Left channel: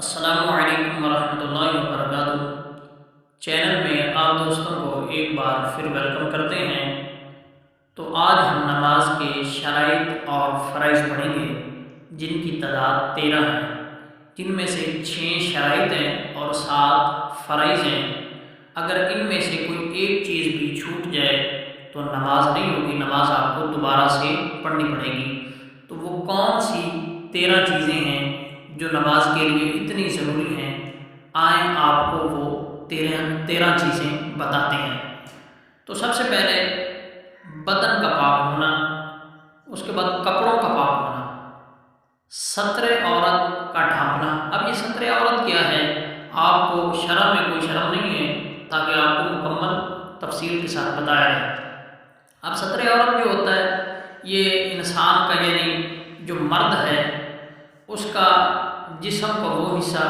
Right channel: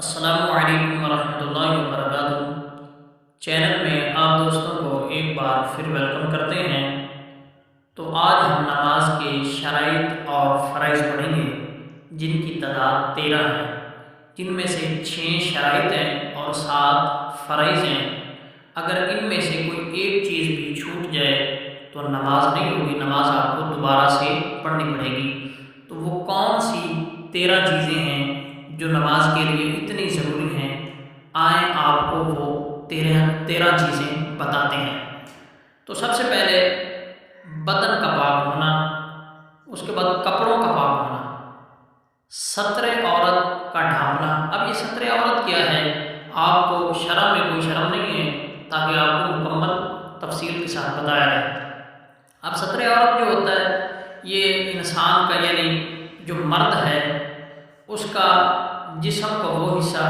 السلام علیکم ورحمۃ اللہ وبرکاتہ۔ چینل میں آپ دوستوں کو ایک بار پھر ویلکم کرتے ہیں۔ تو آج ہم نماز کے شرائط اور فرائض پڑھیں گے، جن کی تعداد 13 ہے، جن میں سے 6 شرائط ہیں اور 7 فرائض ہیں۔ اگر ان میں سے کوئی ایک چیز بھی چھوٹ جائے تو نماز نہیں ہوگی، نماز آپ کو دوبارہ سے پڑھنی پڑے گی۔ تو وہ کون سی 13 چیزیں ہیں جو نماز کے لیے اتنی ضروری ہیں؟ آئیں آپ کو وہ 13 چیزیں بتاتے ہیں۔ تو سب سے پہلے بدن کا پاک ہونا، اس کے بعد کپڑوں کا پاک ہونا، ستر عورت کا ڈھانپنا۔ اب یہ ستر عورت کیا ہے؟ آپ کو شرع میں کوئی شرم نہیں ہے، تاکہ آپ کو مکمل تفصیل کے ساتھ بتایا جائے۔ اب ستر عورت جو ہوتا ہے، یہ انسان کا یعنی جو مرد ہے اس کا جسم کا وہ حصہ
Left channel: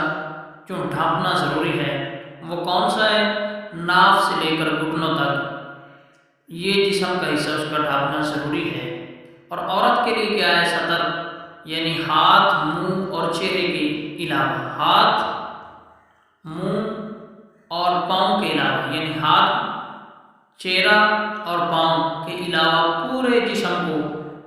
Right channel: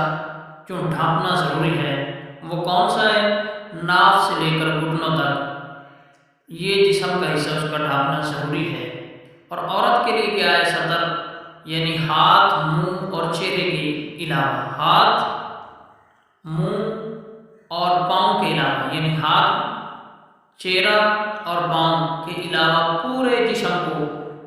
جو ڈھانپنا ضروری ہے، وہ کون سا ہے؟ ناف سے لے کر گھٹنوں تک یہ جسم کا حصہ اس کا ڈھانپنا ضروری ہے۔ اور عورت کے لیے کیا ہے؟ ستر یعنی ہاتھ، منہ اور چہرے کے علاوہ، ہاتھ، منہ اور پاؤں کے علاوہ، یعنی ہاتھ، چہرہ اور پاؤں کے علاوہ پورے جسم کو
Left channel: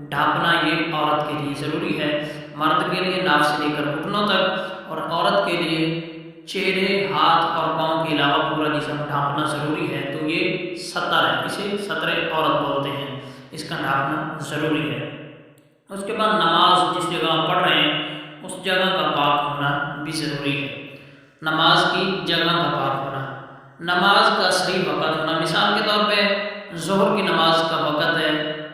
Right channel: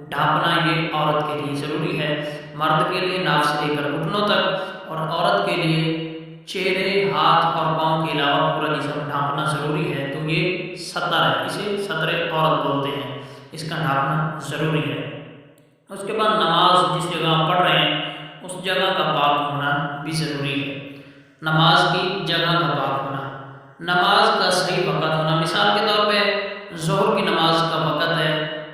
ڈھانپنا یہ عورت کے لیے ضروری ہے۔ مرد کے لیے ناف سے لے کر گھٹنوں تک، اور عورت کے لیے چہرے، ہاتھ اور پاؤں کے علاوہ پورا جسم ڈھانپنا ضروری ہے۔ تو یہ ستر ہے، اسے ستر عورت بولتے ہیں، اس کا ڈھانپنا ضروری ہے۔ اس کے بعد نماز جس جگہ آپ پڑھ رہے ہیں اس جگہ کا پاک ہونا بھی ضروری ہے۔ نماز کی جگہ کا پاک ہونا، نماز کا صحیح وقت ہونا۔ مثال کے طور پہ ظہر کی نماز کا وقت ہے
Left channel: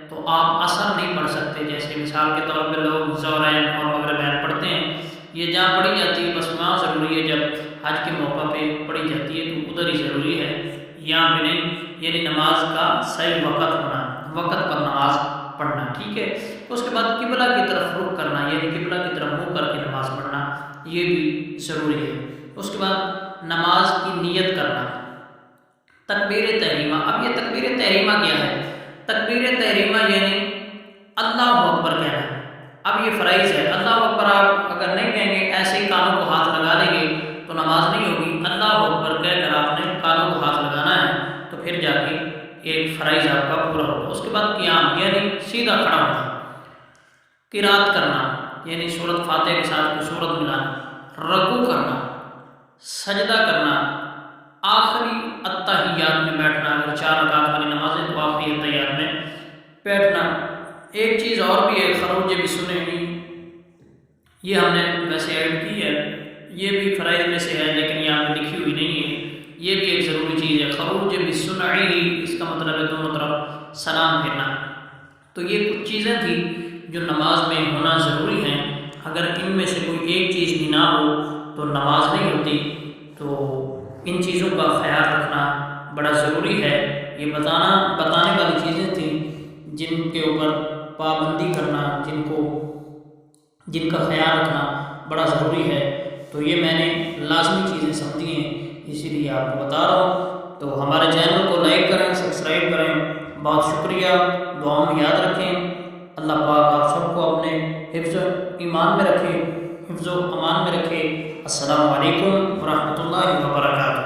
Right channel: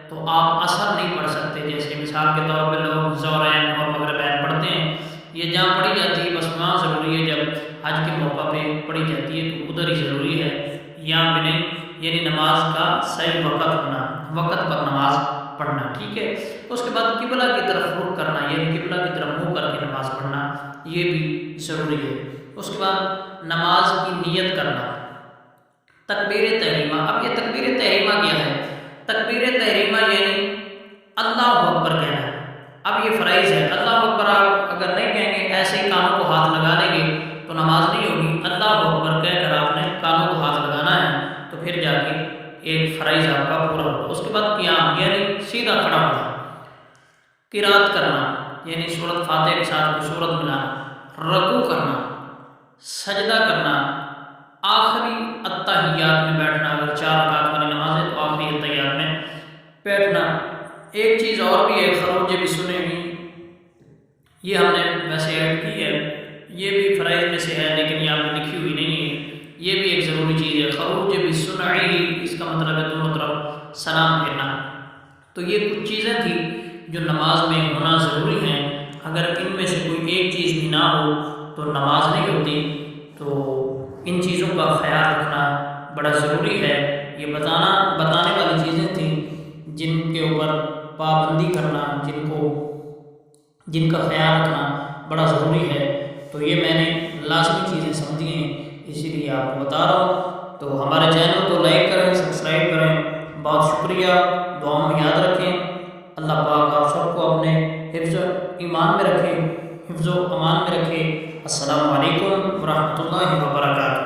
تو آپ عصر نہیں پڑھ سکتے، جیسے مثال کے طور پہ لوگ ظہرین اور مغربین پڑھتے ہیں۔ یہ جہاں پڑھی جاتی ہے بس وہاں ضروری ہے، جب حج کے موقع پہ پڑھی جاتی ہے تو ادھر ہی ضروری ہے، یہاں پہ نہیں۔ یعنی نماز کا صحیح وقت ہونا، وقت پر نماز پڑھنا، ٹھیک ہے۔ اس کے بعد قبلہ کی طرف رخ کرنا، یعنی قبلہ کی طرف منہ کر کے نماز پڑھنا، یہ بھی ضروری ہے۔ اس کے بعد نماز کی نیت کرنا، تکبیر تحریمہ۔ اب یہ تکبیر تحریمہ کیا ہے؟ تکبیر تحریمہ یعنی اللہ اکبر کہنا۔ اب یہ فرائض ہے، اللہ اکبر آپ اگر نہیں کہیں گے، ایسے ہی کانوں کو ہاتھ لگا لیں گے تو نماز نہیں ہوگی۔ اللہ اکبر کہہ کر آپ نے کانوں کو ہاتھ لگانا ہے، تو پھر جا کے ایک فرائض آپ کا پورا ہوگا۔ اس کے بعد قیام یعنی سیدھا کھڑا ہونا، قرات کرنا یعنی سورۃ فاتحہ کے ساتھ کوئی سورت ملانا، رکوع کرنا، سجدہ کرنا، آخری التحیات میں بیٹھنا۔ اگر 4 رکعت والی نماز ہے تو آخری التحیات میں بیٹھنا۔ ایک چیز اور بھی ہے، خروج بسنی، یہ ہم نے ویسے ایڈ کی ہے، یہ بھی فرائض میں سے ہے لیکن یہاں پہ لکھی ہوئی نہیں ہے۔ یہ بھی ایک ضروری چیز ہے، خروج بسنعی، اس کا مطلب ہے دونوں طرف سلام پھیرنا۔ تو یہ کچھ چیزیں تھیں جو نماز میں ہونا ضروری ہیں۔ اگر ان میں سے کوئی ایک چیز بھی نہ ہو تو نماز نہیں ہوتی۔ تو ان چیزوں کا خیال رکھنا بڑا ضروری ہے۔ یہ بتانے والی چیزیں تھیں جن کے اوپر پابندی کرنا، جن کا خیال رکھنا بڑا ضروری ہے۔ تو یہ میں نے لازمی چیزیں سمجھی ہیں، اسی لیے آپ کو بتا رہا ہوں۔ تو ہمارے چینل کو لائک کریں، سبسکرائب کریں، بہت شکریہ۔ دعاؤں میں یاد رکھیں۔ اللہ پاک آپ سب کو اپنے حفظ و ایمان میں رکھے، حفظ و امان میں رکھے۔ السلام علیکم ورحمۃ اللہ وبرکاتہ۔